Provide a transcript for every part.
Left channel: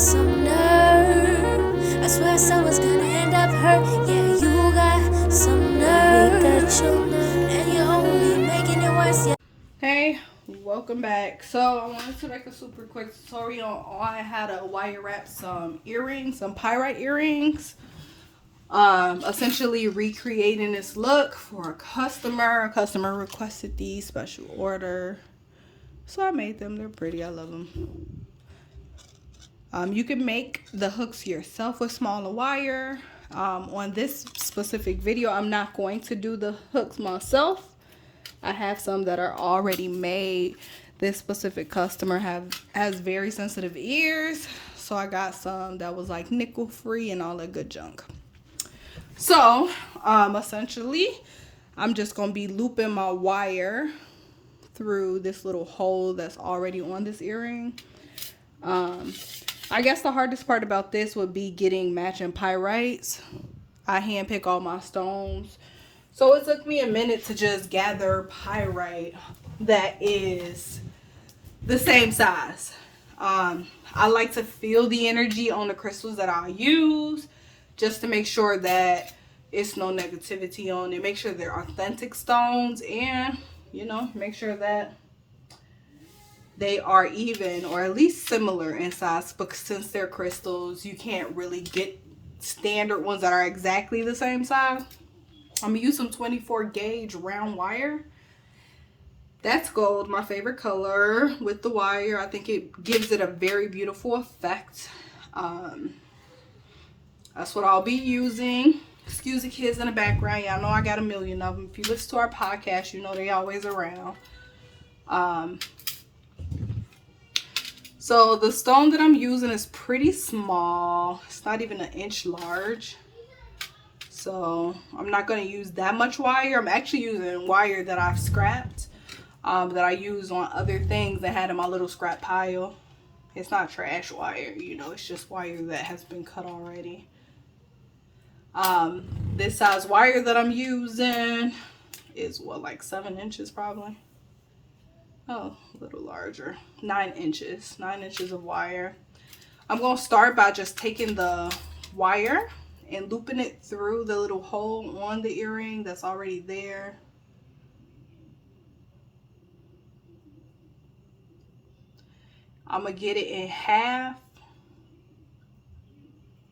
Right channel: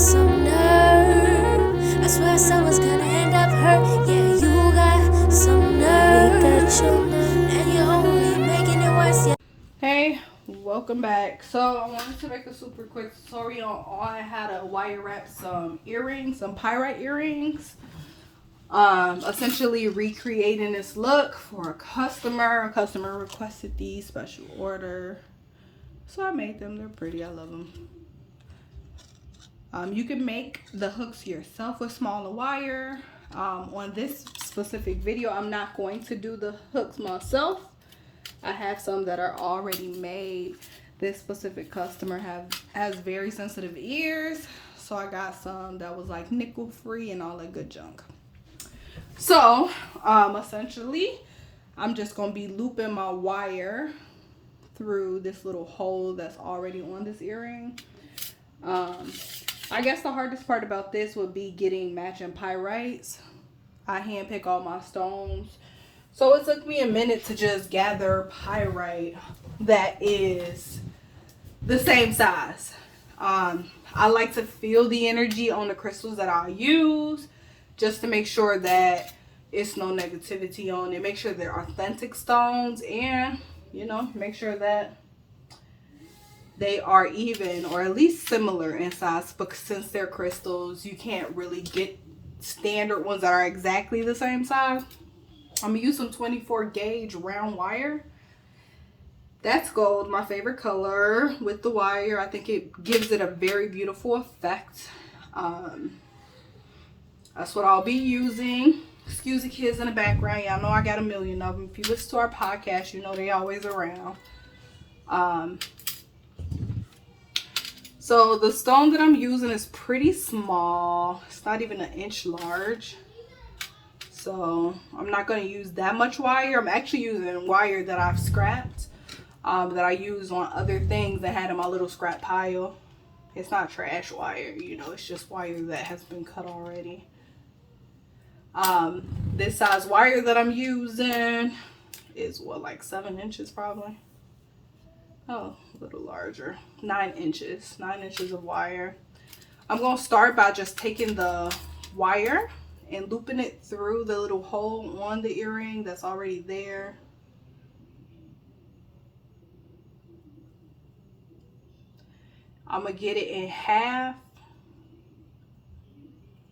some nerve. I swear someone's gonna end up hurt. Yeah, you got some nerve. You got your nerve, and you're only making it worse. Yeah. Hey, welcome back. So I wanted to make a super quick tutorial on how to wire wrap some earrings, some pyrite earrings. Essentially recreating this look for a customer. A customer requested these special order, so I made them. They're pretty. I love them. You can make the hooks yourself with smaller wire. On this specific video, I'm not going to do the hooks myself. I have some that are already made. This specific customer has very sensitive ears, so I got some that was like nickel free and all that good junk. So essentially I'm just gonna be looping my wire through this little hole that's already on this earring. I guess the hardest part about this would be getting matching pyrites. I hand pick all my stones, so it took me a minute to just gather pyrite that is the same size. I like to feel the energy on the crystals that I use, just to make sure that it's no negativity on it. Make sure they're authentic stones, and make sure that they are even or at least similar in size, because since they're crystals, you can't really get standard ones that are exactly the same size. I'm gonna use some 24 gauge round wire. That's gold, my favorite color, with the wire. I think it gives it a very beautiful effect. That's what I'll be using. Excuse the kids in the background. Y'all know I got a million of them. If you listen to our podcast, you know they always around. So the stone that I'm using is pretty small. It's not even an inch large. So I'm not going to use that much wire. I'm actually using wire that I've scrapped, that I use on other things that had in my little scrap pile. It's not trash wire, it's just wire that has been cut already. This size wire that I'm using is like 7 inches probably. Oh, a little larger. 9 inches. 9 inches of wire. I'm going to start by just taking the wire and looping it through the little hole on the earring that's already there. I'm going to get it in half.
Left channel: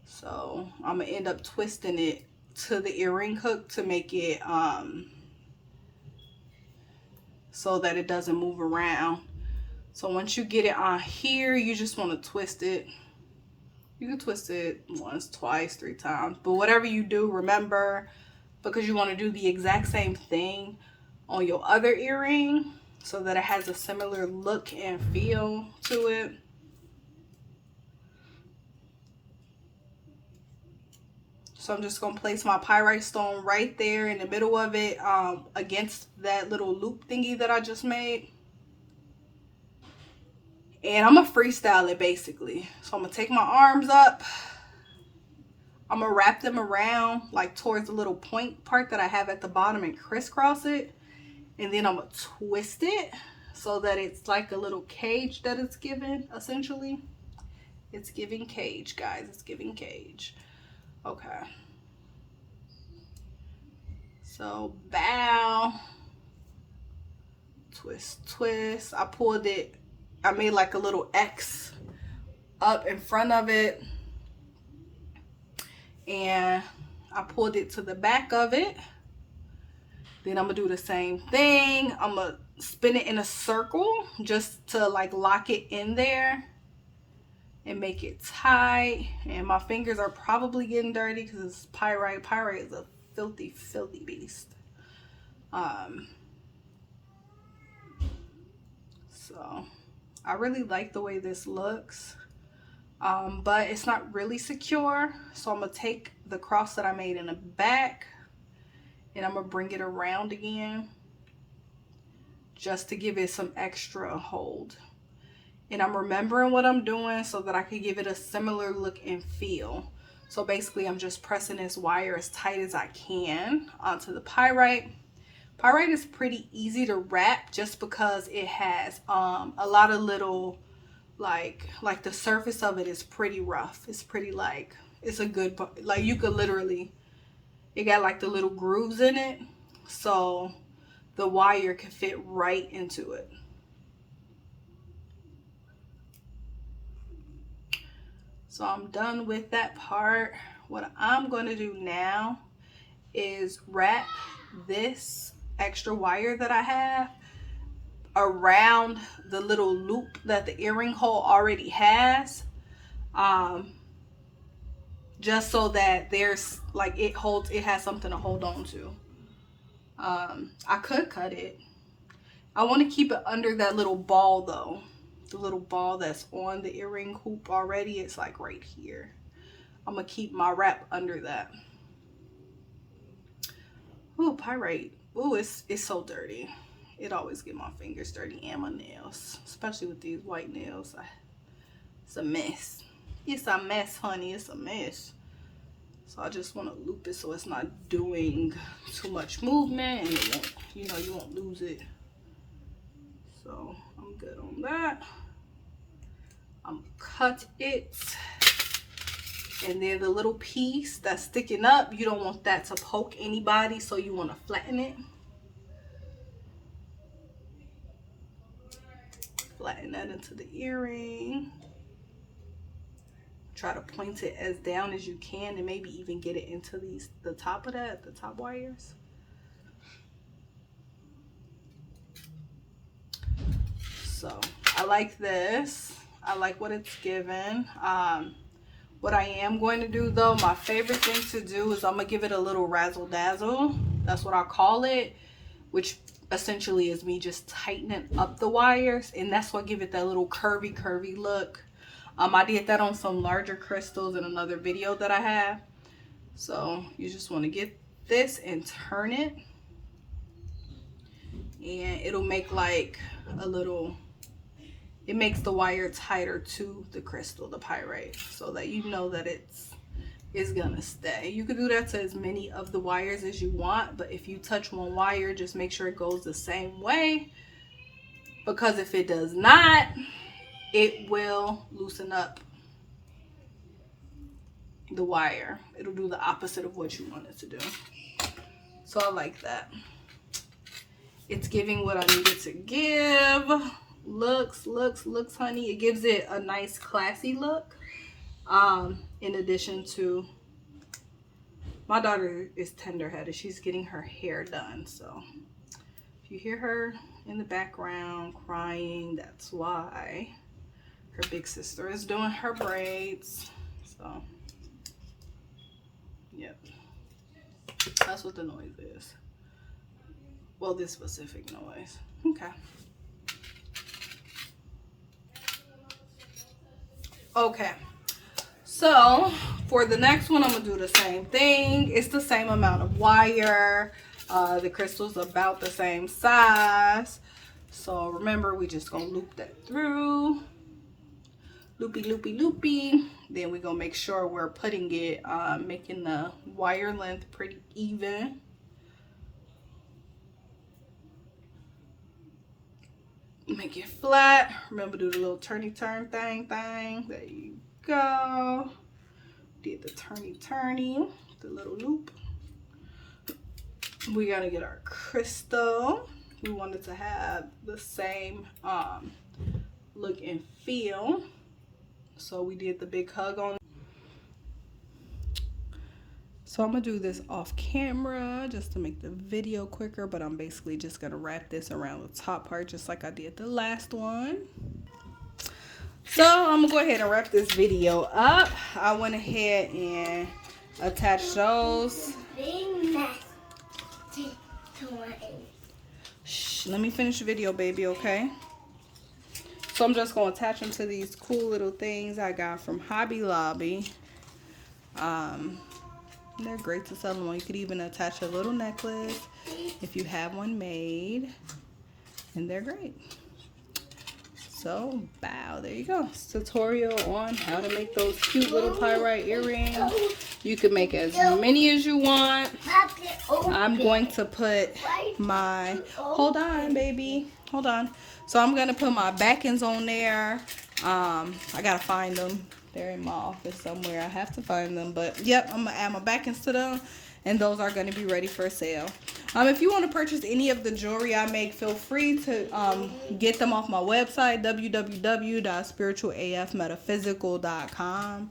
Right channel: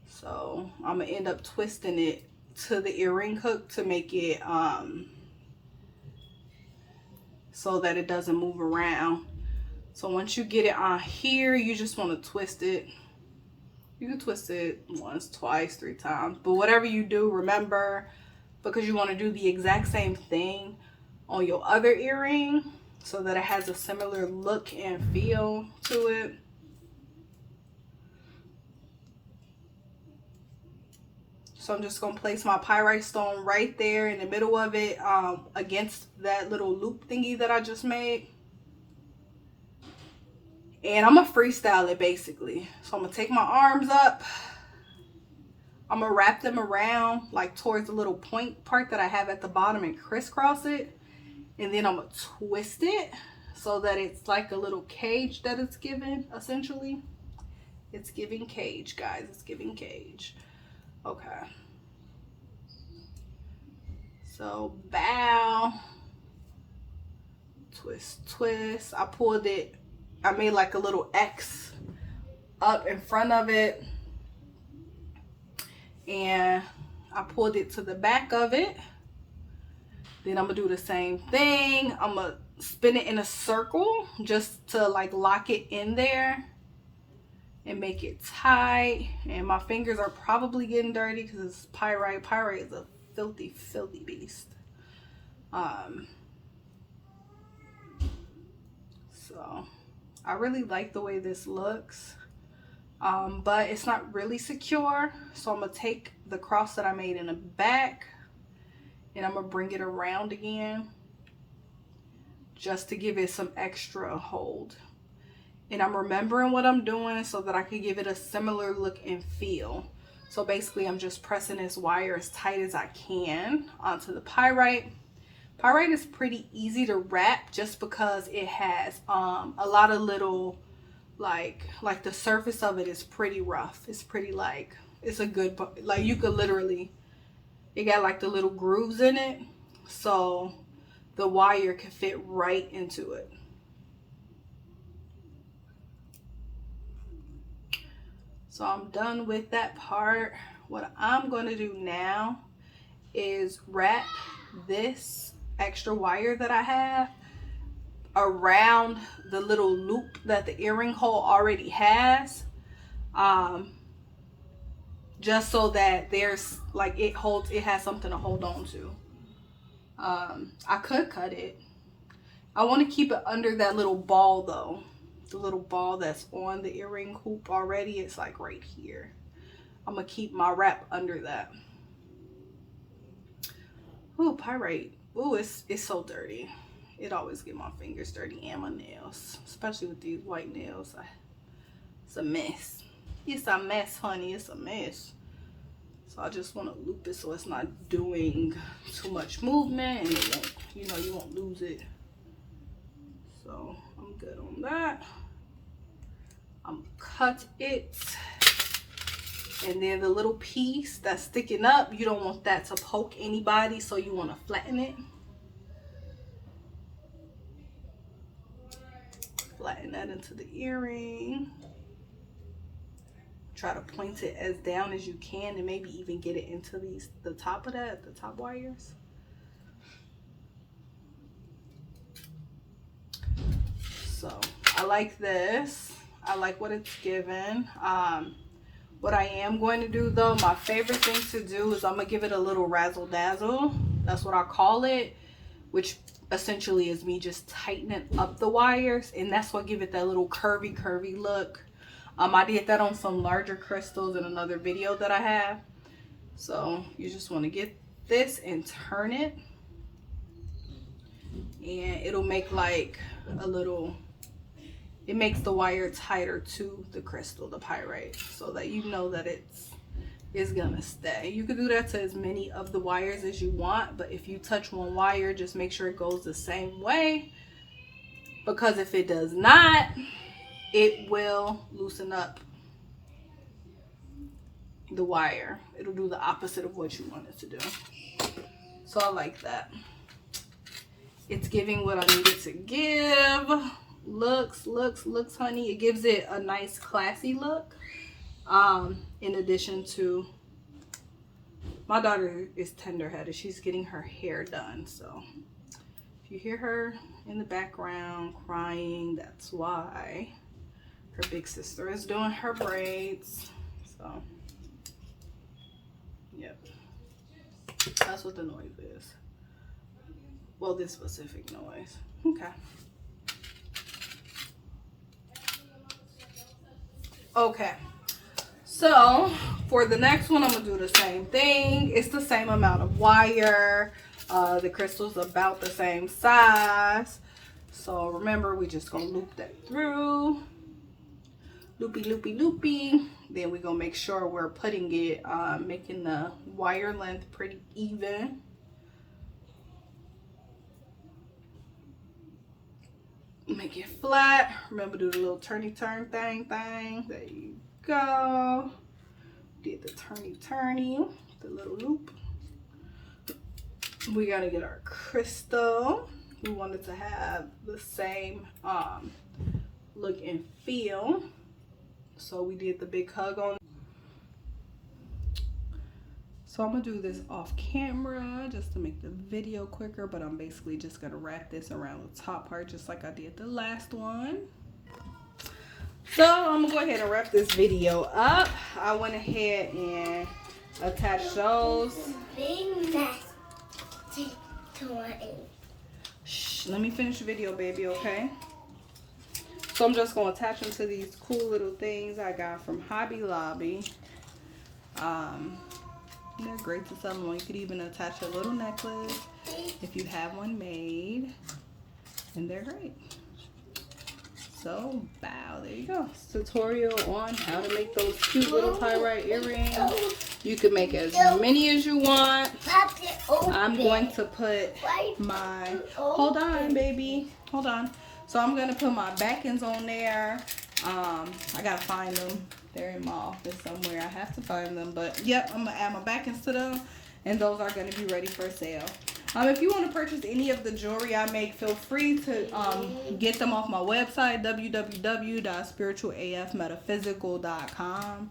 So I'm going to end up twisting it to the earring hook to make it so that it doesn't move around. So once you get it on here, you just want to twist it. You can twist it once, twice, 3 times, but whatever you do, remember, because you want to do the exact same thing on your other earring so that it has a similar look and feel to it. So I'm just going to place my pyrite stone right there in the middle of it, against that little loop thingy that I just made. And I'm going to freestyle it basically. So I'm going to take my arms up. I'm going to wrap them around like towards the little point part that I have at the bottom and crisscross it. And then I'm going to twist it so that it's like a little cage that it's giving, essentially. It's giving cage, guys. It's giving cage. Okay. So bow, twist, twist. I pulled it. I made like a little X up in front of it. And I pulled it to the back of it. Then I'm going to do the same thing. I'm going to spin it in a circle just to like lock it in there and make it tight. And my fingers are probably getting dirty because it's pyrite. Pyrite is a filthy, filthy beast. So I really like the way this looks. But it's not really secure. So I'm going to take the cross that I made in the back and I'm going to bring it around again just to give it some extra hold. And I'm remembering what I'm doing so that I can give it a similar look and feel. So basically I'm just pressing this wire as tight as I can onto the pyrite. Pyrite is pretty easy to wrap just because it has a lot of little like the surface of it is pretty rough. It's pretty like, it's a good, like you could literally, it got like the little grooves in it, so the wire can fit right into it. So I'm done with that part. What I'm going to do now is wrap this extra wire that I have around the little loop that the earring hole already has, just so that there's like, it has something to hold on to. I could cut it. I want to keep it under that little ball though. The little ball that's on the earring hoop already, it's like right here. I'm gonna keep my wrap under that. Ooh, pyrite. Ooh, it's so dirty. It always get my fingers dirty and my nails, especially with these white nails. It's a mess. It's a mess, honey. It's a mess. So I just want to loop it so it's not doing too much movement, and it won't, you won't lose it. So I'm good on that. I'm cut it, and then the little piece that's sticking up, you don't want that to poke anybody, so you want to flatten it. Flatten that into the earring. Try to point it as down as you can, and maybe even get it into the top of that, the top wires. So I like this. I like what it's given. What I am going to do though, my favorite thing to do is I'm gonna give it a little razzle dazzle. That's what I call it, which essentially is me just tightening up the wires, and that's what give it that little curvy look. I did that on some larger crystals in another video that I have. So you just want to get this and turn it, and it'll make like a little, it makes the wire tighter to the crystal, the pyrite, so that you know that it's gonna stay. You can do that to as many of the wires as you want, but if you touch one wire, just make sure it goes the same way, because if it does not, it will loosen up the wire. It'll do the opposite of what you want it to do. So I like that. It's giving what I needed to give. Looks, honey. It gives it a nice classy look. In addition to, my daughter is tender-headed. She's getting her hair done. So if you hear her in the background crying, that's why. Her big sister is doing her braids. So, yep. That's what the noise is. Well, this specific noise. Okay. Okay. So, for the next one, I'm going to do the same thing. It's the same amount of wire. The crystal's about the same size. So, remember, we're just going to loop that through. Loopy. Then we're gonna make sure we're putting it, making the wire length pretty even. Make it flat. Remember, do the little turn thing. There you go. Did the turny, the little loop. We gotta get our crystal. We want it to have the same look and feel. So we did the big hug on. So I'm gonna do this off camera just to make the video quicker, but I'm basically just gonna wrap this around the top part just like I did the last one. So I'm gonna go ahead and wrap this video up. I went ahead and attached those. Shh, let me finish the video, baby, okay? So I'm just going to attach them to these cool little things I got from Hobby Lobby. They're great to sell them. You could even attach a little necklace if you have one made. And they're great. So, wow, there you go. It's a tutorial on how to make those cute little pyrite earrings. You can make as many as you want. I'm going to put my, hold on, baby. Hold on. So I'm going to put my backings on there. I gotta find them. They're in my office somewhere. I have to find them. But yep, I'm gonna add my backings to them, and those are gonna be ready for sale. If you want to purchase any of the jewelry I make, feel free to get them off my website, www.spiritualafmetaphysical.com.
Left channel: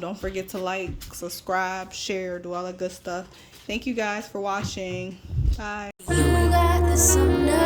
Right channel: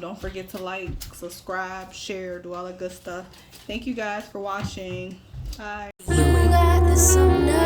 Don't forget to like, subscribe, share, do all that good stuff. Thank you guys for watching. Bye. You got some nerve.